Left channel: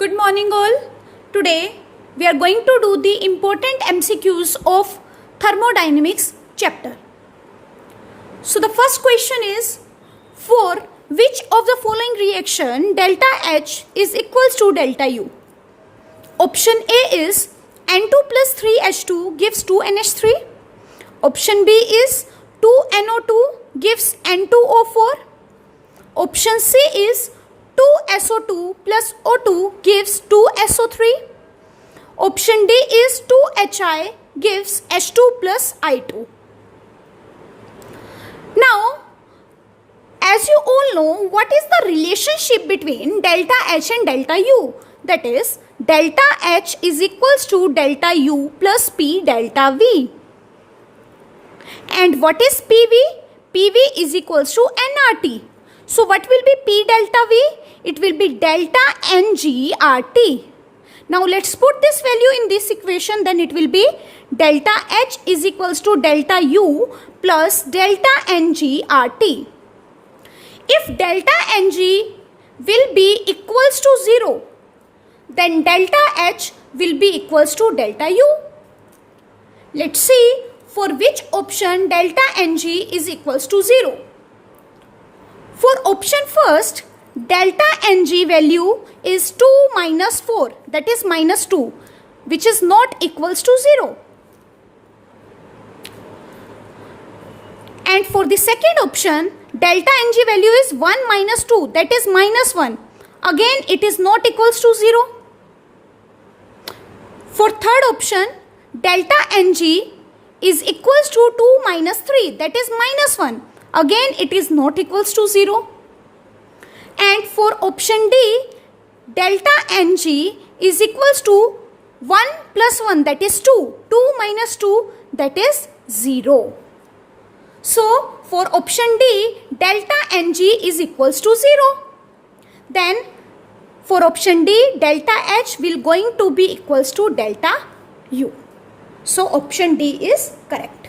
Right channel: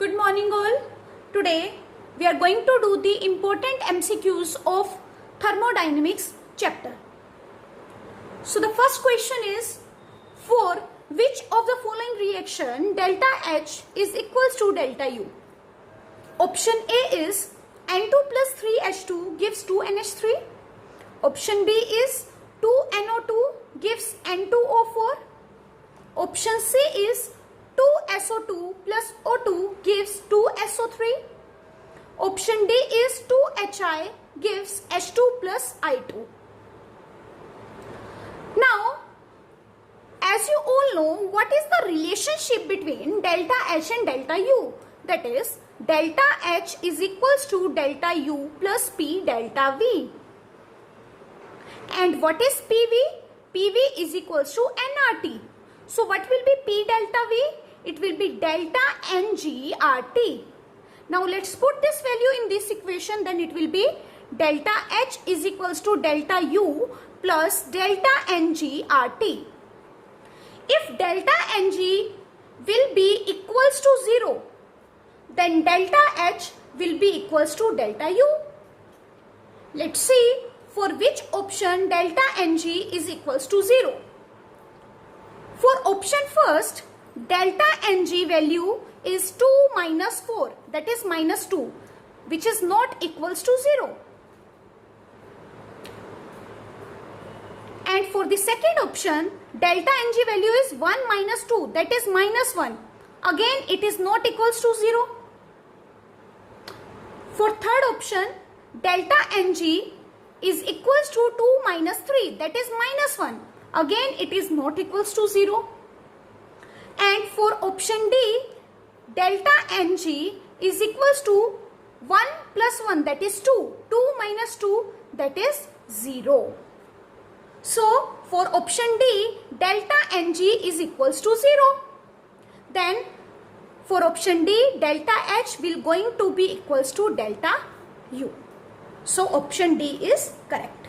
Good morning all. Today we are going to do the important MCQs of thermodynamics chapter. So the first question is, for which of the following reaction delta H is equals to delta U? Option A is N2 plus 3H2 gives 2NH3. Option B is 2NO2 gives N2O4. Option C is 2SO2 plus O2 gives 2SO3. Option D is 2HI gives H2 plus I2. Now, as you all know, what is the relationship between delta H and delta U? That is, delta H is equals to delta U plus P delta V. And what is PV? PV is equals to nRT. So what will be P delta V? It will be delta NGRT. Now let's put this value in this equation, then it will be delta H is equals to delta U plus delta NGRT. If delta NG will be equals to 0, then delta H will be equals to delta U. Let's see for which option delta NG is equals to 0. For option first, delta NG value is 2 minus 4, that is minus 2, which is not equals to 0. And for the second option, delta NG value is 1 minus 2, that is minus 1. Again, it is not equals to 0. For third option, delta NG is equals to 2 minus 3, that is minus 1. Again, it is not equals to 0. And for option D, delta NG is equals to 1 plus 1, that is 2. 2 minus 2, that is 0. So, for option D, delta NG is equals to 0. Then, for option D, delta H will going to be equals to delta U. So, option D is correct.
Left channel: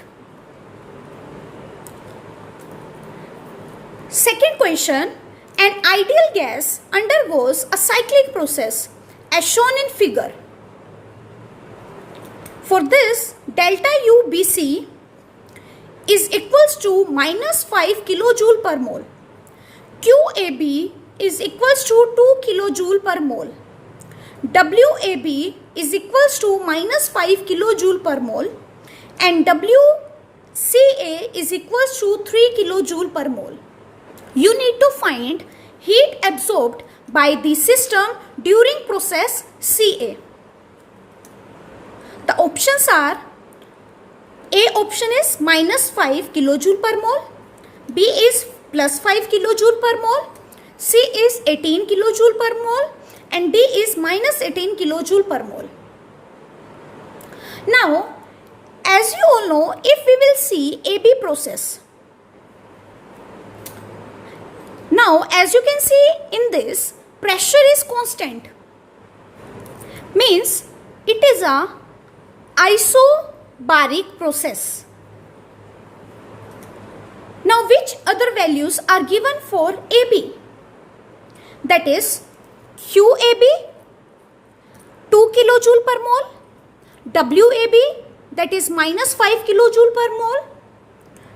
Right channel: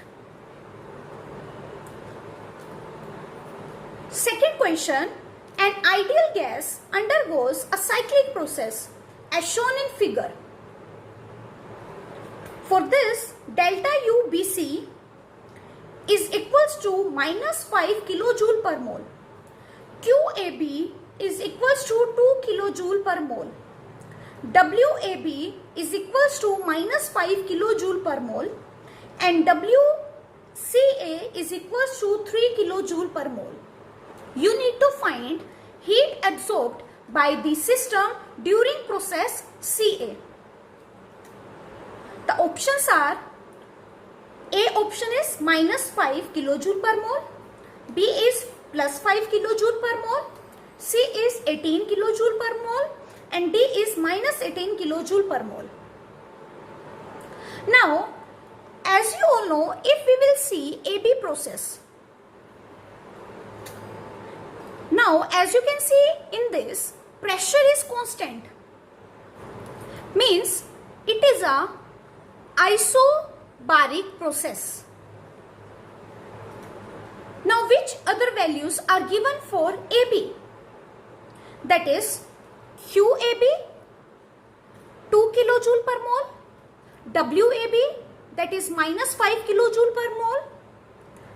Second question, an ideal gas undergoes a cyclic process as shown in figure. For this, delta U BC is equals to minus 5 kilojoule per mole. QAB is equals to 2 kilojoule per mole. WAB is equals to minus 5 kilojoule per mole. And WCA is equals to 3 kilojoule per mole. You need to find heat absorbed by the system during process CA. The options are, A option is minus 5 kilojoule per mole, B is plus 5 kilojoule per mole, C is 18 kilojoule per mole, and D is minus 18 kilojoule per mole. Now, as you all know, if we will see AB process. Now, as you can see in this, pressure is constant. Means it is a isobaric process. Now, which other values are given for AB? That is QAB 2 kilojoule per mole, WAB that is minus 5 kilojoule per mole.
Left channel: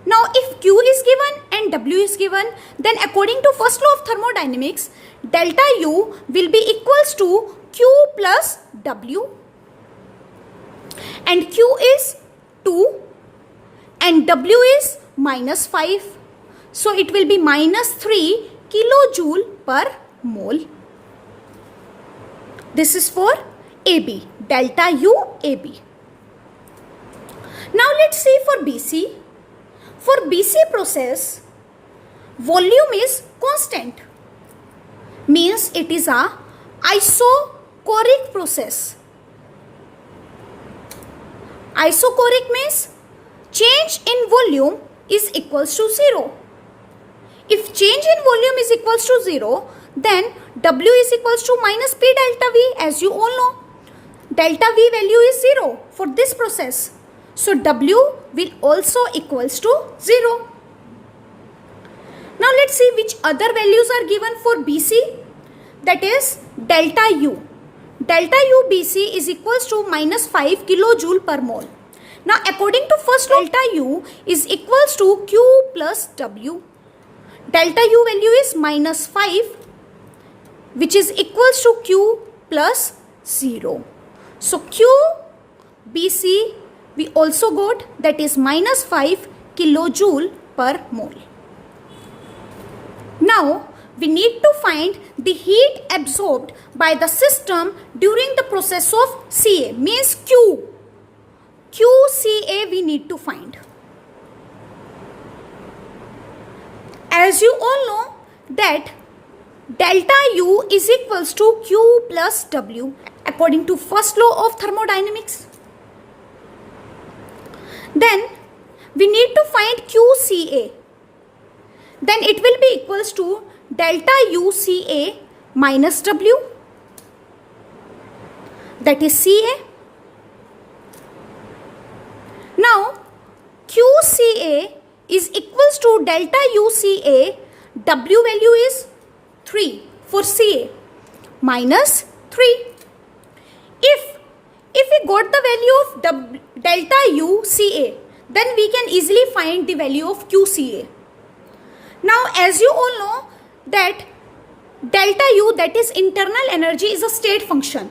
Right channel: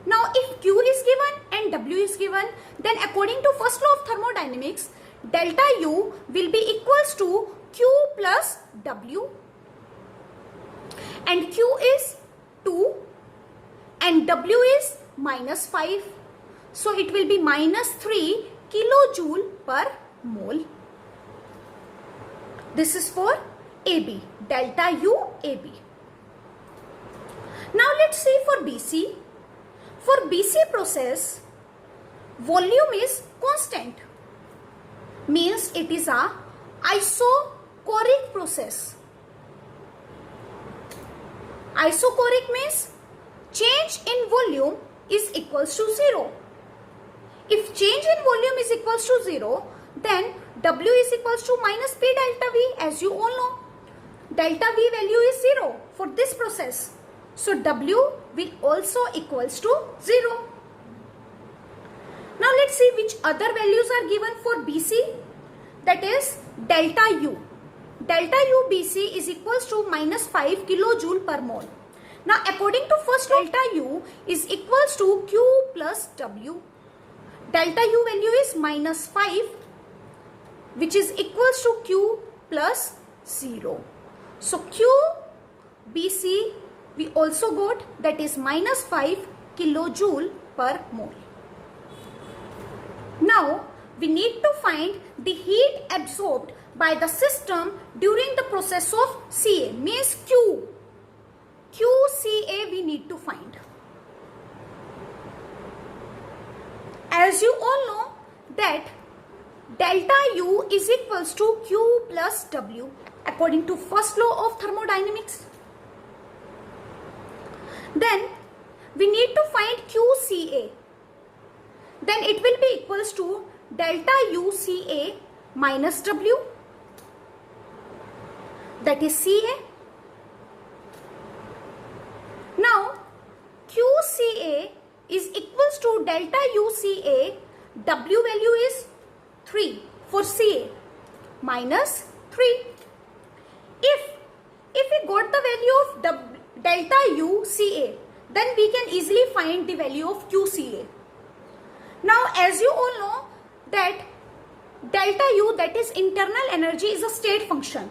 Now, if Q is given and W is given, then according to first law of thermodynamics, delta U will be equals to Q plus W. And Q is 2 and W is minus 5. So, it will be minus 3 kilojoule per mole. This is for AB, delta U AB. Now, let's see for BC. For BC process, volume is constant. Means it is a isochoric process. Isochoric means change in volume is equals to 0. If change in volume is equals to 0, then W is equals to minus P delta V, as you all know. Delta V value is 0 for this process. So, W will also equals to 0. Now, let's see which other values are given for BC. That is delta U. delta UBC is equals to minus 5 kilojoule per mole. Now according to first law, delta U is equals to Q plus W. Delta U value is minus 5, which is equals to Q plus 0. So QBC we also got, that is minus 5 kilojoule per mole. Now we need to find the heat absorbed by the system during the process of CA, means QCA we need to find. As you all know that delta U is equals to Q plus W according to first law of thermodynamics. Then we need to find QCA. Then it will be equals to delta UCA minus W, that is CA. Now QCA is equals to delta UCA, W value is 3 for CA, minus 3. If we got the value of delta UCA, then we can easily find the value of QCA. Now as you all know that delta U, that is internal energy, is a state function.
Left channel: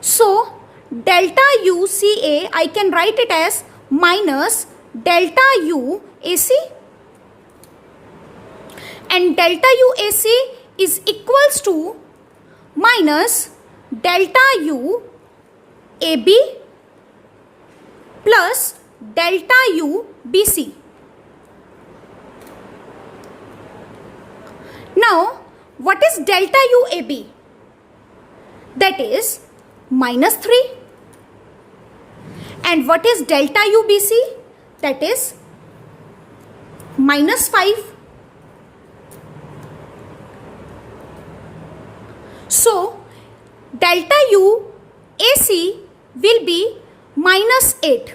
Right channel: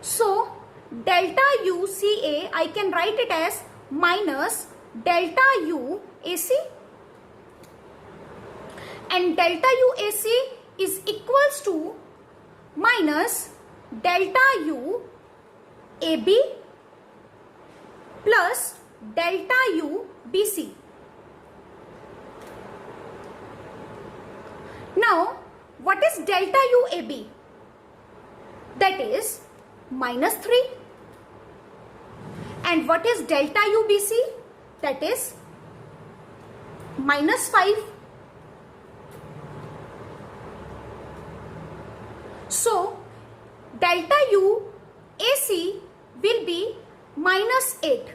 So delta UCA I can write it as minus delta UAC, and delta UAC is equals to minus delta UAB plus delta UBC. Now what is delta UAB? That is minus 3. And what is delta UBC? That is minus 5. So delta UAC will be minus 8.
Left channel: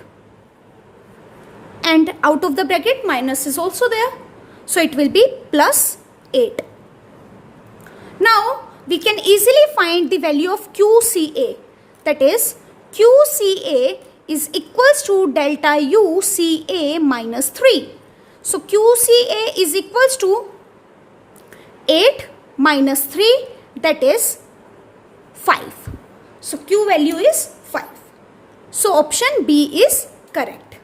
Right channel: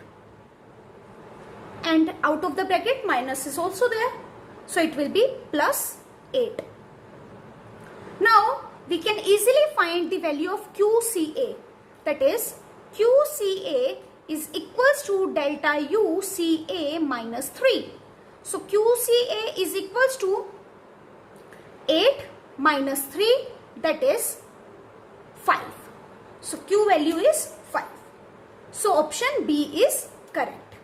And out of the bracket minus is also there. So it will be plus 8. Now we can easily find the value of QCA. That is QCA is equals to delta UCA minus 3. So QCA is equals to 8 minus 3, that is 5. So Q value is 5. So option B is correct.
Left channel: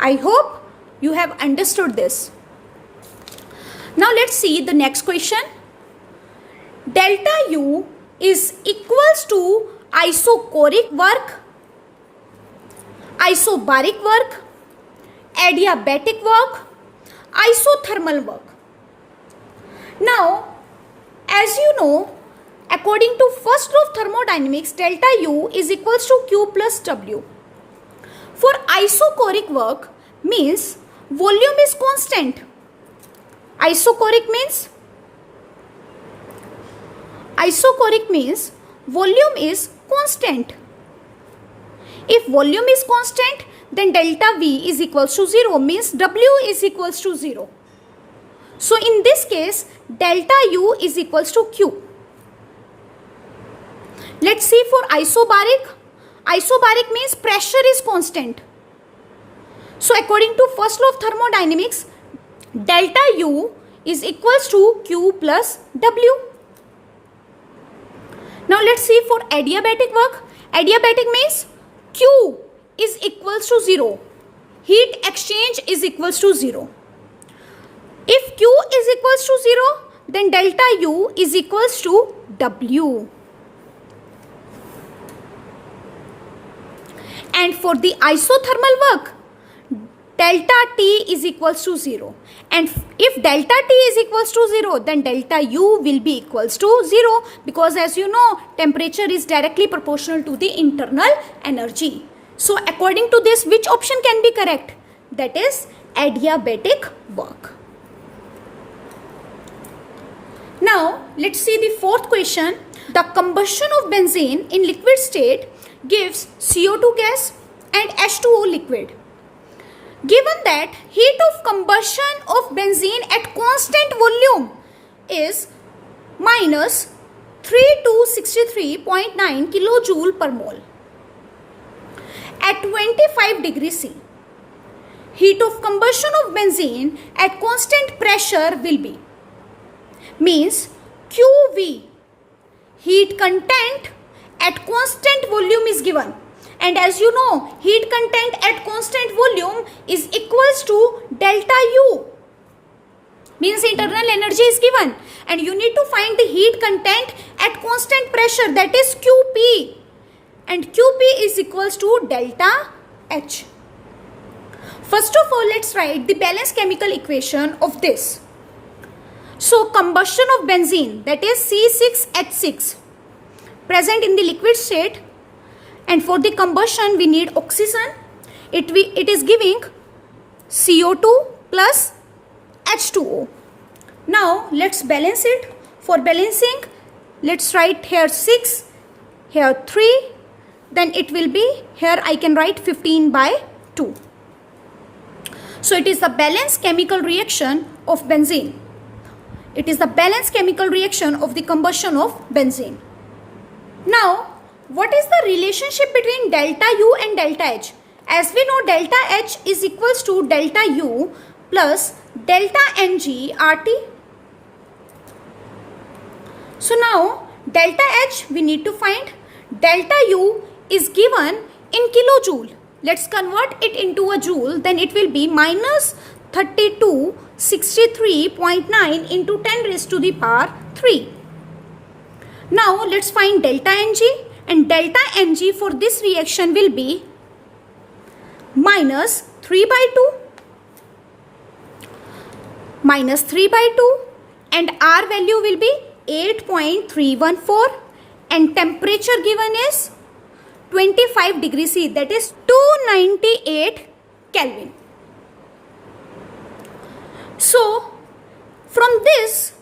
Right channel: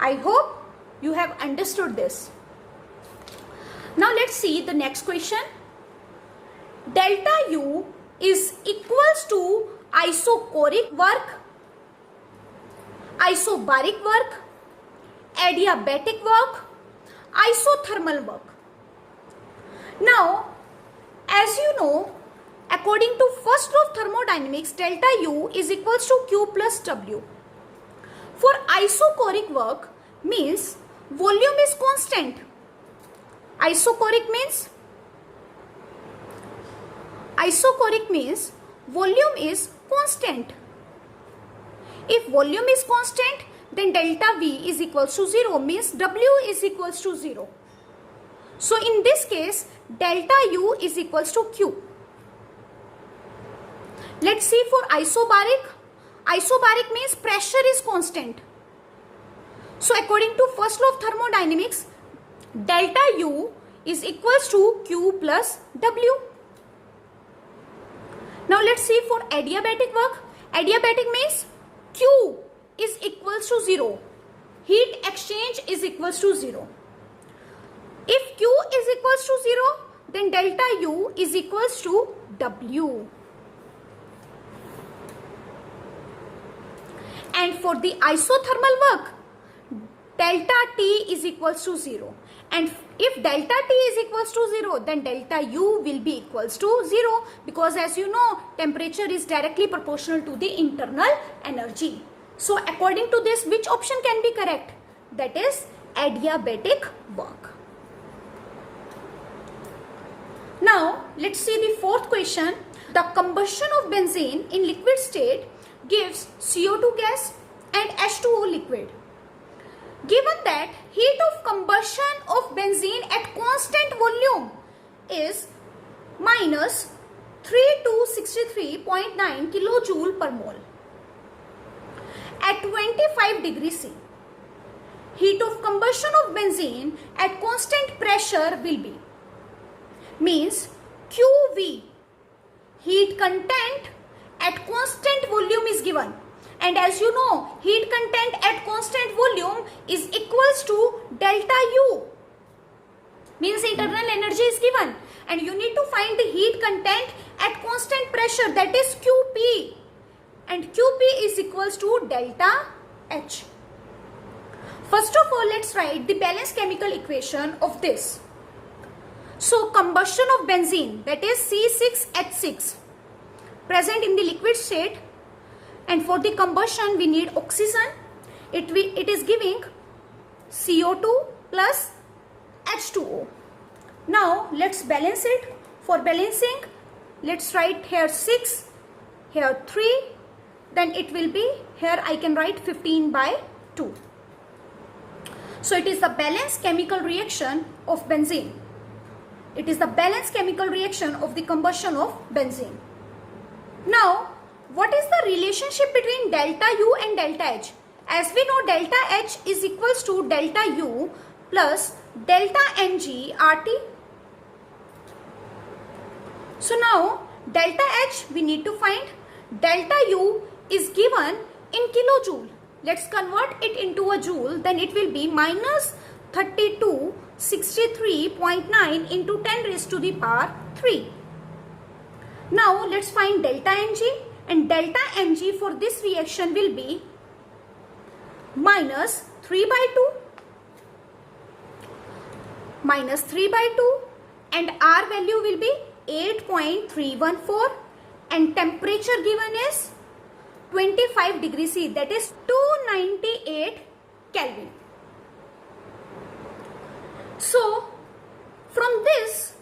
I hope you have understood this. Now let's see the next question. Delta U is equals to isochoric work, isobaric work, adiabatic work, isothermal work. Now, as you know, according to first law of thermodynamics, delta U is equals to Q plus W. For isochoric work means volume is constant. Isochoric means volume is constant. If volume is constant, then delta V is equals to 0, means W is equals to 0. So in this case, delta U is equals to Q. Let's see for isobaric. Isobaric means pressure is constant. So according to first law of thermodynamics, delta U is equals to Q plus W. Now let's see for adiabatic work. Adiabatic means Q is equals to 0. Heat exchange is equals to 0. If Q is equals to 0, then delta U is equals to W. And for the isothermal work, delta T is equals to 0. And if delta T is equals to 0, then delta U will be equals to 0, because as you know, temperature is directly proportional to the internal energy. So according to this, which option can be correct? That is adiabatic work. Now let's see the fourth question. The combustion of benzene in liquid state gives CO2 gas and H2O liquid. Given that heat of combustion of benzene at constant volume is minus 3263.9 kilojoule per mole. At 25 degrees C, heat of combustion of benzene at constant pressure will be, means QV, heat content at constant volume is given, and as you know, heat content at constant volume is equals to delta U, means internal energy is given, and you need to find the heat content at constant pressure, that is QP, and QP is equals to delta H. First of all, let's write the balanced chemical equation of this. So combustion of benzene, that is C6H6, present in the liquid state, and for the combustion we need oxygen. It is giving CO2 plus H2O. Now let's balance it. For balancing, let's write here 6, here 3, then it will be, here I can write 15 by 2. So it is the balanced chemical reaction of benzene. It is the balanced chemical reaction of the combustion of benzene. Now, what is the relationship between delta U and delta H? As we know, delta H is equals to delta U plus delta Ng RT. So now, delta H we need to find. Delta U is given in kilojoule. Let's convert it into a joule, then it will be minus 3263.9 into 10 raised to the power 3. Now let's find delta Ng, and delta Mg for this reaction will be minus 3 by 2, minus 3 by 2, and R value will be 8.314, and temperature given is 25 degrees C, that is 298 Kelvin. So from this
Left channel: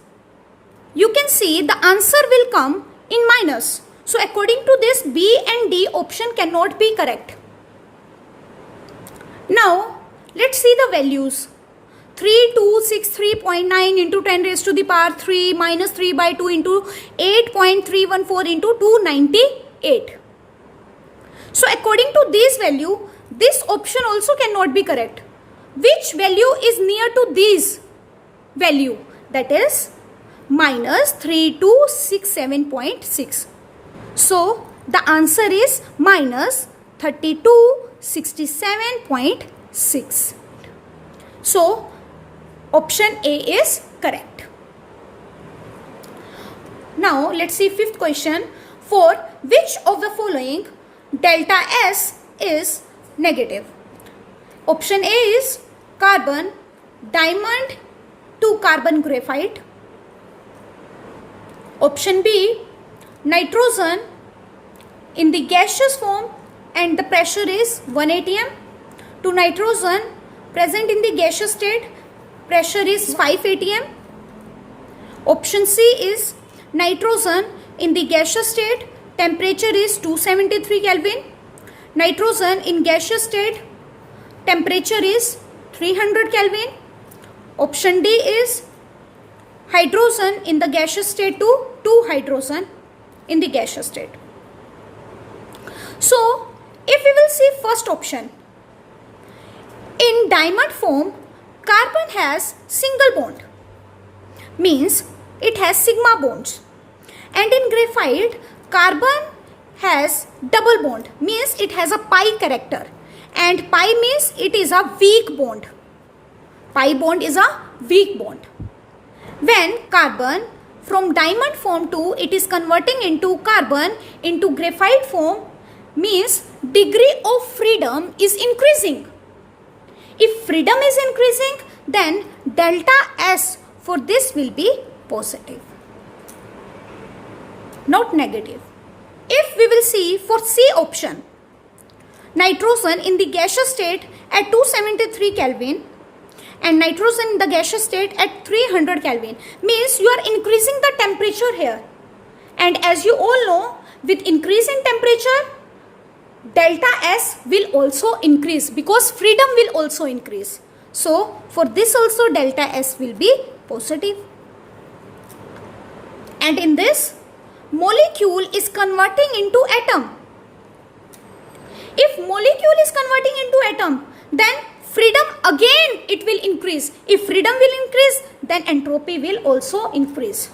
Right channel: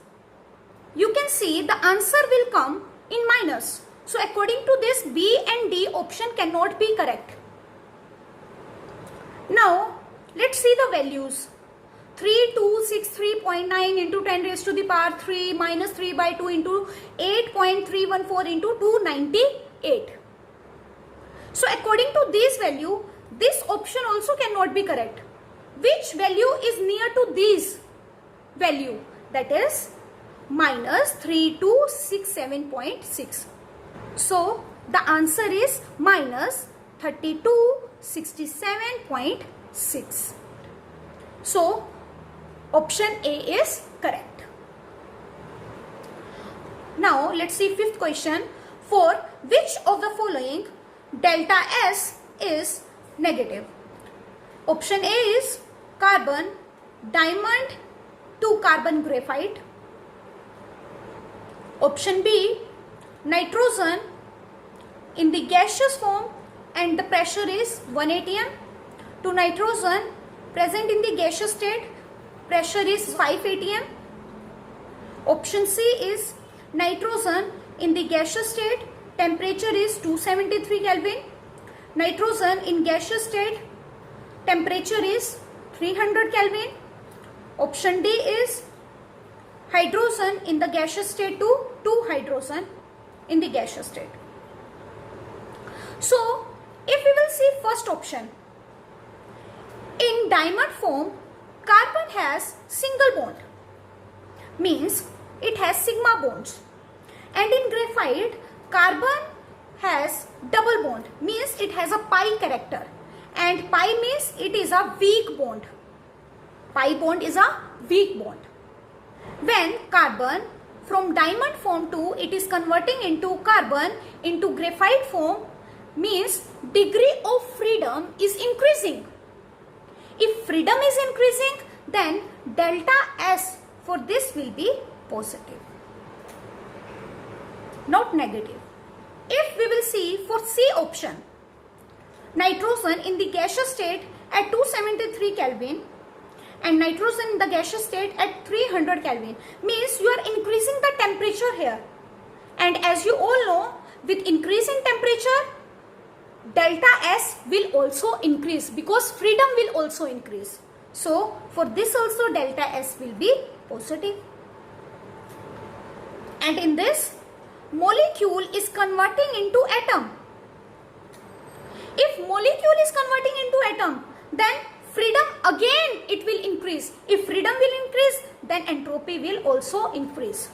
you can see the answer will come in minus. So according to this, B and D option cannot be correct. Now let's see the values. 3263.9 into 10 raised to the power 3 minus 3 by 2 into 8.314 into 298. So according to this value, this option also cannot be correct. Which value is near to this value? That is minus 3267.6. So the answer is minus 3267.6. So option A is correct. Now let's see fifth question. For which of the following delta S is negative? Option A is carbon, diamond to carbon graphite. Option B, nitrogen in the gaseous form and the pressure is 1 atm, to nitrogen present in the gaseous state, pressure is 5 atm. Option C is nitrogen in the gaseous state, temperature is 273 Kelvin. Nitrogen in gaseous state, temperature is 300 Kelvin. Option D is hydrogen in the gaseous state to 2 hydrogen in the gaseous state. So if we will see first option, in diamond form carbon has single bond, means it has sigma bonds, and in graphite carbon has double bond, means it has a pi character, and pi means it is a weak bond. Pi bond is a weak bond. When carbon from diamond form to it is converting into carbon into graphite form, means degree of freedom is increasing. If freedom is increasing, then delta S for this will be positive, not negative. If we will see for C option, nitrogen in the gaseous state at 273 Kelvin and nitrogen in the gaseous state at 300 Kelvin, means you are increasing the temperature here, and as you all know, with increase in temperature delta S will also increase because freedom will also increase. So for this also delta S will be positive. And in this molecule is converting into atom. If molecule is converting into atom, then freedom again it will increase. If freedom will increase, then entropy will also increase.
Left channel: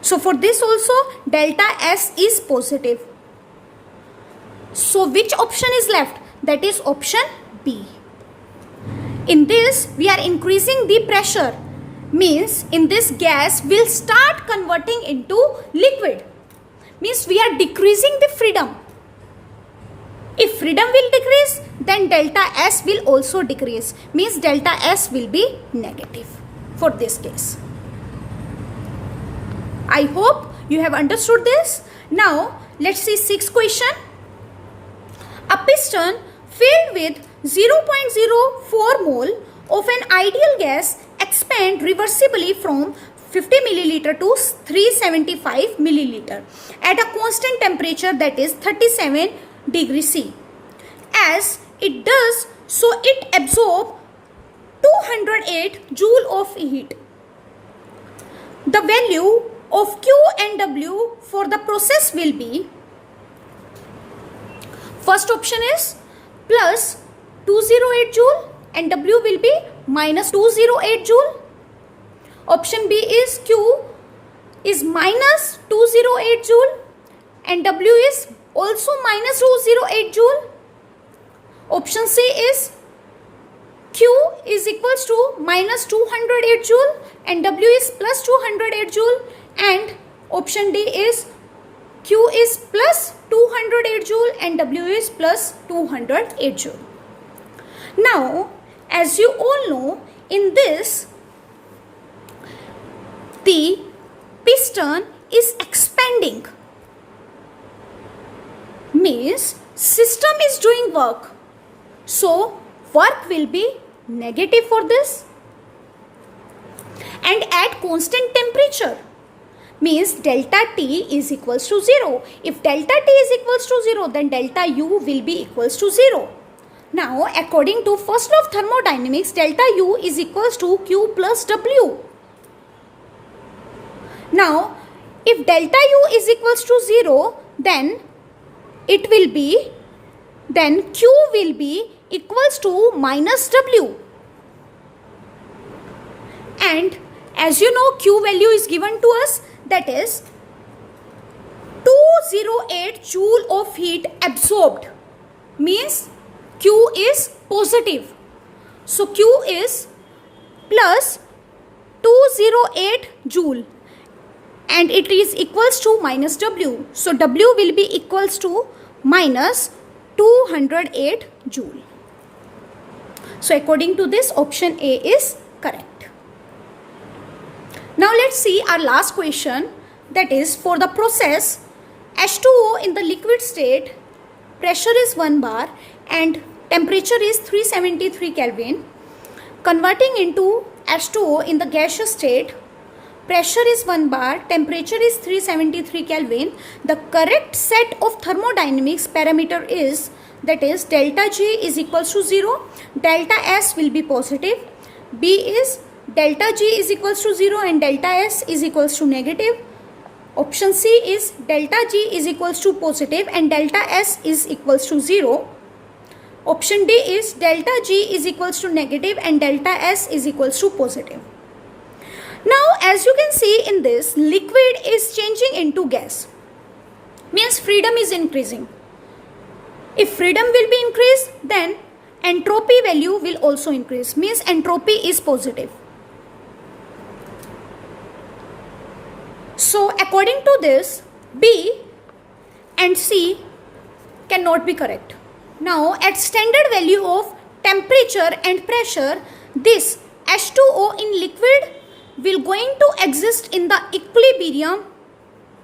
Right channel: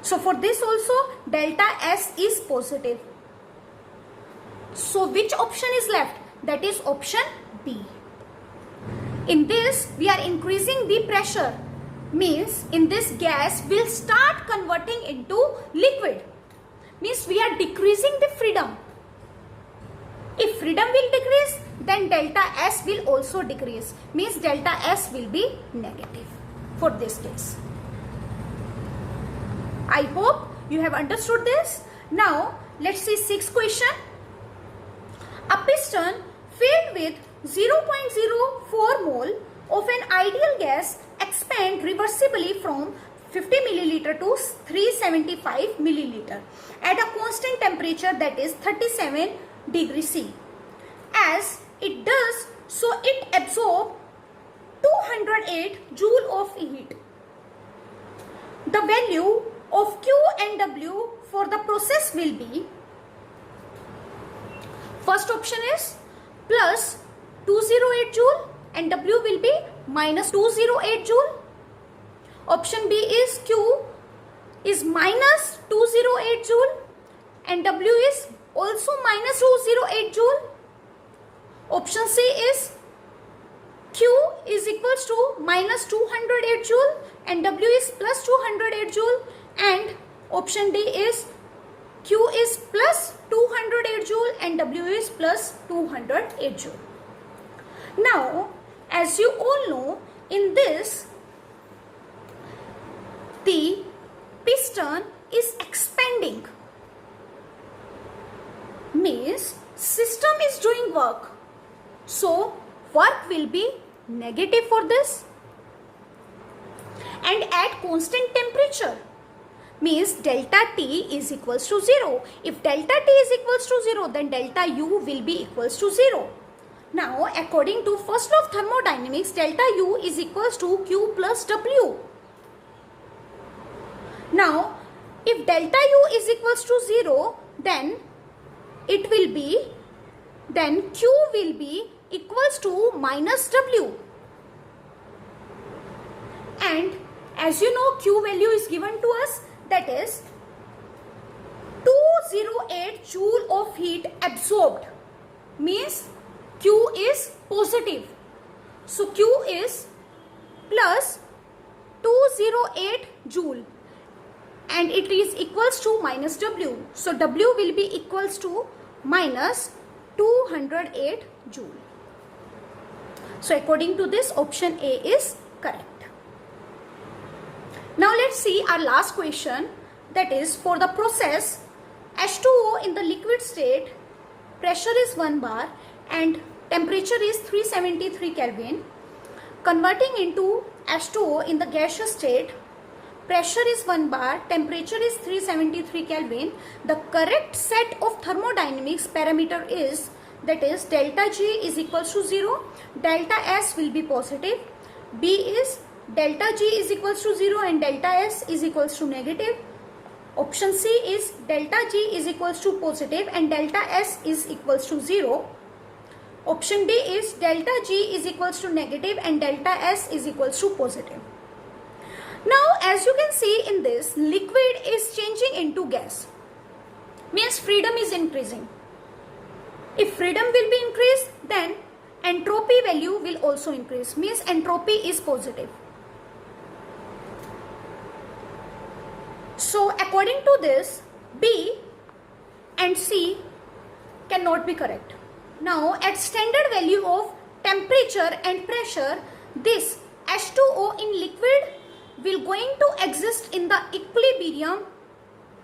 So for this also delta S is positive. So which option is left? That is option B. In this we are increasing the pressure, means in this gas will start converting into liquid, means we are decreasing the freedom. If freedom will decrease, then delta S will also decrease, means delta S will be negative for this case. I hope you have understood this. Now let's see sixth question. A piston filled with 0.04 mole of an ideal gas expand reversibly from 50 milliliter to 375 milliliter at a constant temperature, that is 37 degrees C. As it does so, it absorbs 208 joule of heat. The value of Q and W for the process will be, first option is plus 208 joule and W will be minus 208 joule. Option B is Q is minus 208 joule and W is also minus 208 joule. Option C is Q is equals to minus 208 joule and W is plus 208 joule, and option D is Q is plus 208 joule and W is plus 208 joule. Now, as you all know, in this the piston is expanding, means system is doing work, so work will be negative for this, and at constant temperature, means delta T is equals to 0. If delta T is equals to 0, then delta U will be equals to 0. Now, according to first law of thermodynamics, delta U is equals to Q plus W. Now, if delta U is equals to 0, then it will be, then Q will be equals to minus W. And as you know, Q value is given to us, that is 208 joule of heat absorbed, means Q is positive. So Q is plus 208 joule and it is equals to minus W. So W will be equals to minus 208 joule. So according to this, option A is correct. Now let's see our last question, that is for the process H2O in the liquid state, pressure is 1 bar and temperature is 373 Kelvin, converting into H2O in the gaseous state, pressure is 1 bar, temperature is 373 Kelvin. The correct set of thermodynamics parameter is, that is delta G is equals to 0, delta S will be positive, B is delta G is equals to 0 and delta S is equals to negative. Option C is delta G is equals to positive and delta S is equals to 0. Option D is delta G is equals to negative and delta S is equals to positive. Now, as you can see in this, liquid is changing into gas, means freedom is increasing. If freedom will be increased, then entropy value will also increase, means entropy is positive. So according to this, B and C cannot be correct. Now at standard value of temperature and pressure, this H2O in liquid will going to exist in the equilibrium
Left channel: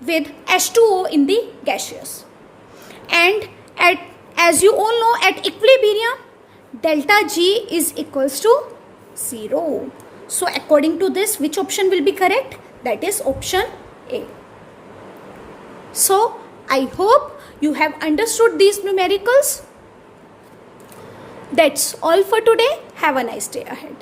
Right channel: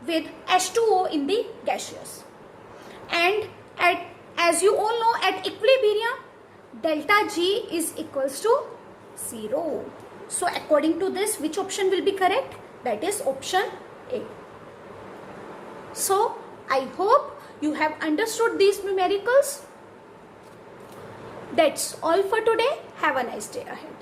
with H2O in the gaseous. And as you all know, at equilibrium, delta G is equals to 0. So according to this, which option will be correct? That is option A. So I hope you have understood these numericals. That's all for today. Have a nice day ahead.